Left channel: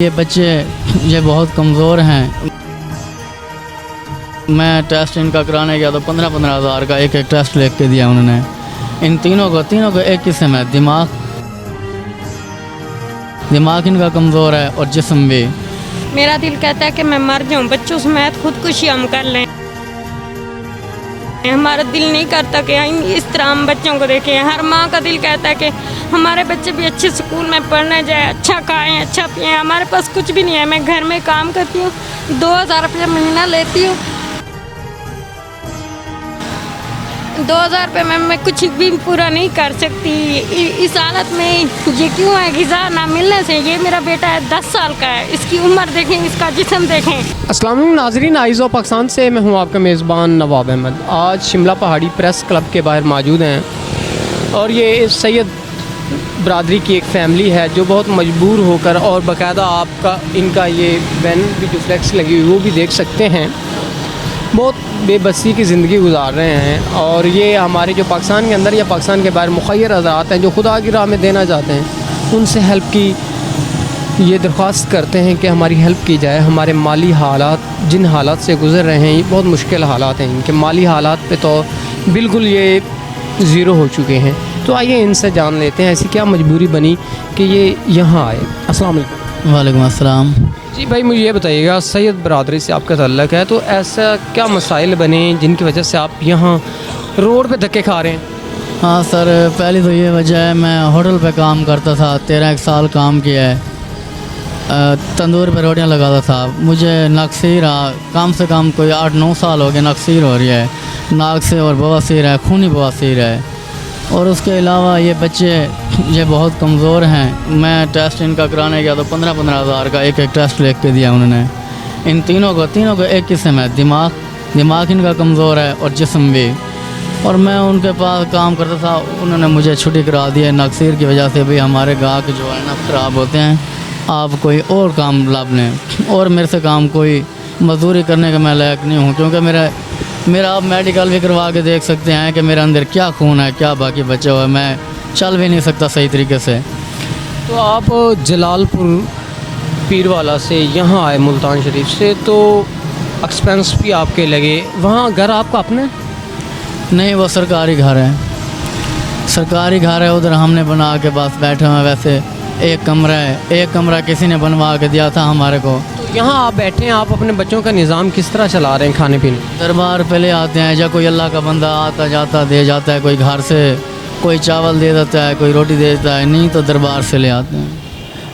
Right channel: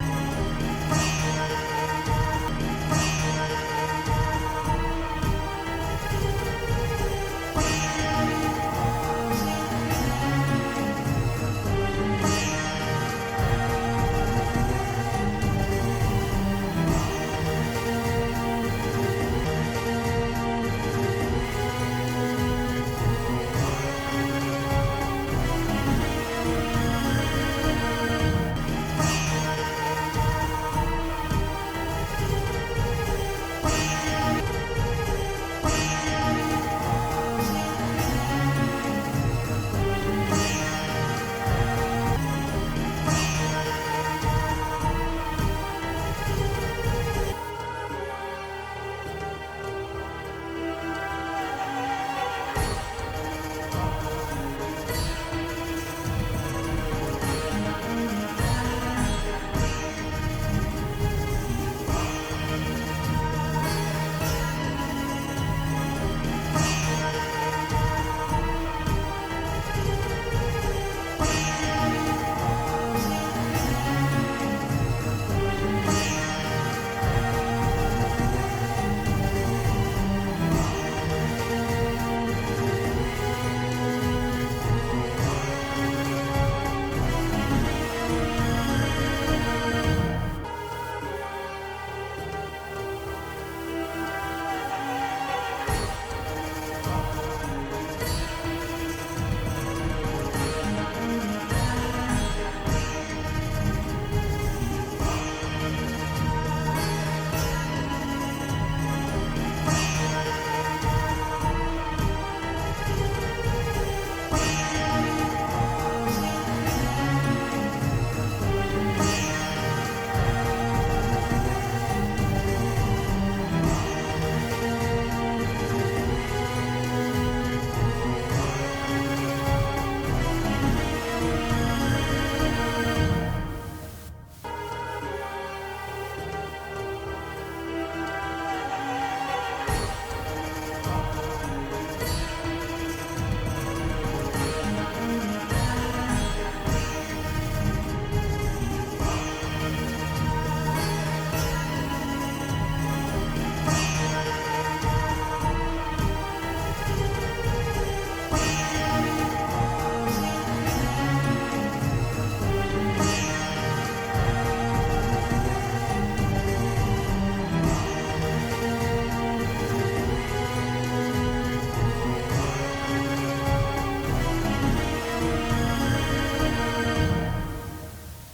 ये बच्चे ये बहुत कमज़ोर हैं। मैं टेस्ट इनका कराने गया तो 15-15 हज़ार का एक टेस्ट लिख के दिया उन्होंने। इन तीनों को एक किस्म है, दिमाग इनका कमज़ोर है और जिस्म भी। मेरा दिल कहता है कि मैं मर जाऊं, बच्चों समेत खुदकुशी हम कर लें। हमारा दिल नहीं करता कि इस तरह हम बच्चों को देखें। हर माँ का दिल कहता है कि हमारे बच्चे भी अच्छे स्कूल में पढ़ने जाए, अच्छा खाएं, अच्छा पिएं। हमारे पास कुछ भी नहीं है। मैं घर में काम करती हूँ, 2000 रुपये महीना लेती हूँ। 2000 रुपये में मैं कुछ भी पूरा नहीं कर सकती। इस हालत में ये क्यों है? ग़िज़ा ना मिलने से। ये मेरा बेटा है, 10 साल का है। इसकी उम्र देखें, इसका जिस्म देखें। अस्सलाम वालेकुम नाज़रीन, आइज़ ऑफ पाकिस्तान से मैं हूं आपका मेज़बान नवाब अहमद। आज शिमला पहाड़ी प्रेस क्लब के बाहर मौजूद हैं और ये सैयद बरादरी की एक फ़ैमिली है जो बहुत मजबूर होकर, और बाकायदा आपका इनका ये बैन भी जो फ्लैक्स लगी हुई वो भी देख सकते हैं, बहुत बेबसी की ज़िंदगी गुजार रहे हैं। और ये हमारे जो पाकिस्तान के अंदर या पाकिस्तान के बाहर मुखय्यर हज़रात हैं जो खुदा की राह में देना चाहते हैं, उनसे हेल्प की ये दरख्वास्त करते हैं कि हमारी हेल्प की जाए। हमारे माली हालात, जिन हालात से गुज़र रहे हैं, ये बहुत मुश्किल हालात हैं। इनके माली हालात पे तो बिल्कुल ये ज़ीरो हो चुके हैं। तो आइए इनसे जान लेते हैं ऐसी क्या मजबूरी बनी कि ये यहाँ आए। अस्सलाम वालेकुम। वालेकुम अस्सलाम। जी भाई, मुझे ये बताइएगा, सैयद बरादरी से आपका ताल्लुक़ है, तो ऐसा क्या मसाइल बने जिनकी वजह से आप यहाँ रोड पे धक्के खा रहे हैं? हाँ सर, पहली तो ये वजह है, मैं होटल पे काम करता था, 13 साल काम किया है। तंदूर पे रोटियां लगाता था। मुझे नक्सीर कम से कम कोई 8-9 साल हो गए नक्सीर हो रही है, नाक से, और बवासीर है, खूनी बवासीर है। और उसके अलावा ये बच्चे ये बहुत कमज़ोर हैं। मैं टेस्ट इनका कराने गया तो 15-15 हज़ार का एक टेस्ट लिख के दिया उन्होंने। इन तीनों को एक किस्म है, दिमाग इनका कमज़ोर है और जिस्म भी। और मैं उनके पास काम करता था, उन्होंने मुझे छुट्टी करा दी है नक्सीर की वजह से। भाई हमारे गाहक जो है ना ख़राब होते हैं, आप कोई और काम लाभ लें। और मेरे से काम कोई मजदूरी करने का मैं लायक नहीं हूँ, क्योंकि मेरा आप मेडिकल भी करवा के देख सकते हैं कि मेरे अंदर क्या खून है, क्या बाकी बचा हुआ है। मैं चल भी नहीं सकता सही तरीके से। तो आप जलालपुर पीरवाला से यहाँ आए मुल्तान शरीफ से, तो एक्सपेंस भी आपके लगे। वहाँ घर आपका अपने? नहीं, वो सरकारी घर है, सरकारी घर है। उधर हमने बना के बस बैठे हुए हैं। वैसे एक कमरा किसी ने बनवा के दिया था हमारे को। यहाँ आप बैठे हैं, आप अपने बच्चों का निज़ाम किस तरह चला रहे हैं? खाने पीने दरबार पहले आते हैं, या कोई अल्लाह का बंदा आता जाता दे जाता है, कोई घर से कोई चावल दे देता है, कोई रोटी दे देता है, नहीं तो दरबार से ले आते हैं।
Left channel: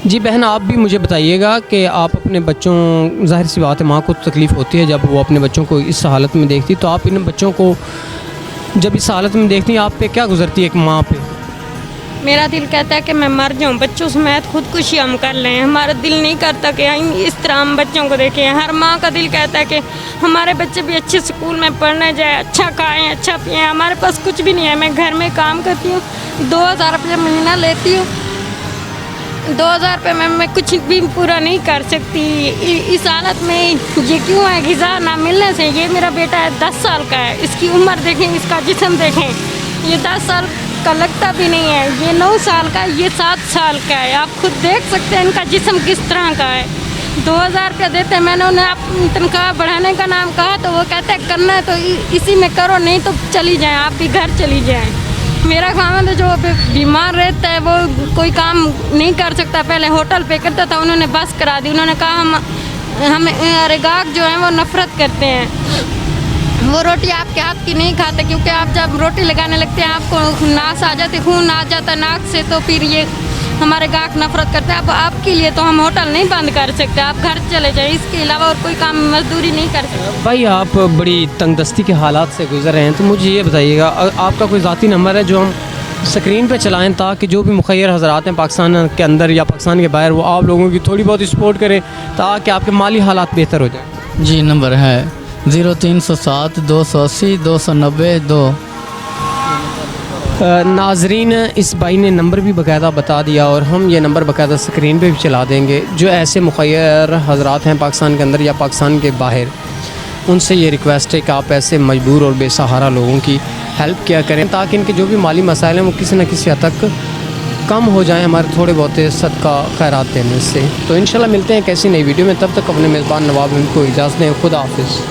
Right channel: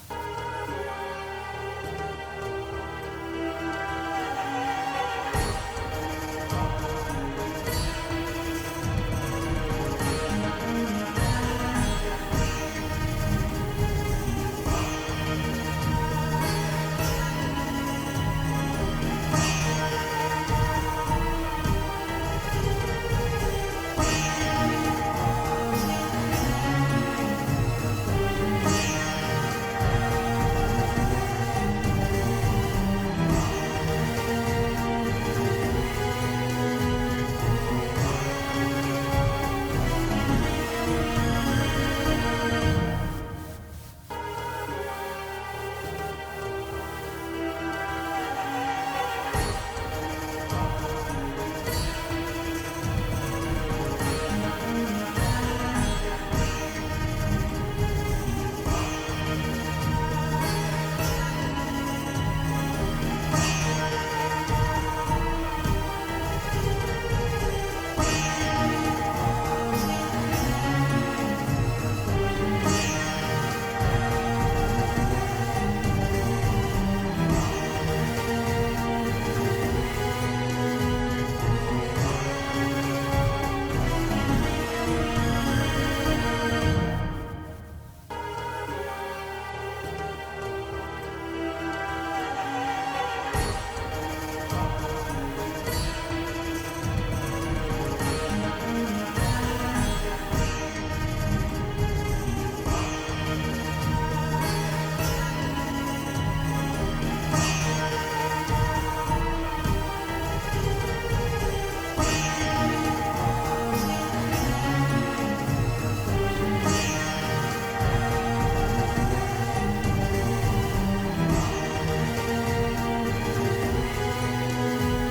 जी बहन, आप भी मुझे बताइएगा कि आप अपने बच्चों, ज़ाहिर सी बात है माँ को तकलीफ़ होती है जब वो अपने बच्चों को इस हालत में देखती, तो आप इन बच्चों को जब इस हालत में देखती हैं, आप पे क्या गुजरती है एक माँ पे? मेरा दिल कहता है कि मैं मर जाऊं, बच्चों समेत खुदकुशी हम कर लें। हमारा दिल नहीं करता कि इस तरह हम बच्चों को देखें। हर माँ का दिल कहता है कि हमारे बच्चे भी अच्छे स्कूल में पढ़ने जाए, अच्छा खाएं, अच्छा पिएं। हमारे पास कुछ भी नहीं है। मैं घर में काम करती हूँ, 2000 रुपये महीना लेती हूँ। 2000 रुपये में मैं कुछ भी पूरा नहीं कर सकती। इस हालत में ये क्यों है? ग़िज़ा ना मिलने से। ये मेरा बेटा है, 10 साल का है। इसकी उम्र देखें, इसका जिस्म देखें। ये 10 साल का लगता भी नहीं है। ये 9 साल का, ये 7 साल का है। आप खुद देख सकते हैं इनका जिस्म किस तरह का है। 2000 रुपये देते हैं। मैंने उन्हें तनख्वाह बढ़ाने का नाम कहा तो वो कहते हैं करना है तो इसी में करो, नहीं तो चली जाएं, आप भी घर चली जाएं। मेरा खामद जो बीमार रहता है वो कोई काम नहीं कर सकता। पहले होटल पे करता था, उन्होंने बस करा दी। उन्होंने कहा हम गाहक जो हैं वो नफ़रत करते हैं, वो रोटी आपके हाथ की नहीं खाते, क्योंकि आप जब रोटी लगाने लगते हैं आपको नाक आ जाती, खून आ जाता नाक से, तो फिर ये हमारे गाहक नफरत करते हैं। अब आपके लिए तो हम होटल नहीं बंद कर सकते, आप घर चले जाए, इसके अलावा और कोई काम मजदूरी नहीं कर सकते। भाई आप बड़ी तंगदस्ती के हालात से गुजर रहे हैं, तो मुझे ये बताइएगा, आपका कोई ज़ाती नंबर है जो हम स्क्रीन पे चलाएं ताकि जो भी मुखय्यर हज़रात हैं पाकिस्तान के अंदर या पाकिस्तान के बाहर, वो आप लोगों की थोड़ी बहुत सपोर्ट करें ताकि आपके माली हालात बेहतर हो जाए? जी, नंबर है 0307 280 290 2। नाजरीन, इस भाई ने नंबर भी बाकायदा बता दिया और हम ये नंबर बाकायदा स्क्रीन पे भी चला देंगे। जो ऐसे मुखय्यर हज़रात हैं पाकिस्तान के अंदर या पाकिस्तान के बाहर, उनसे ये रिक्वेस्ट है कि आप ऐसे मजबूर और बेसहारा लोगों की हेल्प किया करें ताकि इनके जो भी माली मसाइल हैं वो किसी न किसी हद तक कम हो जाएं हमारे थोड़े बहुत सदका खैरात देने से। तो इंशाल्लाह मिलते हैं कैसी नई वीडियो में, तब तक अपने मेज़बान नवाब को इजाज़त दें। खुदा हाफिज़।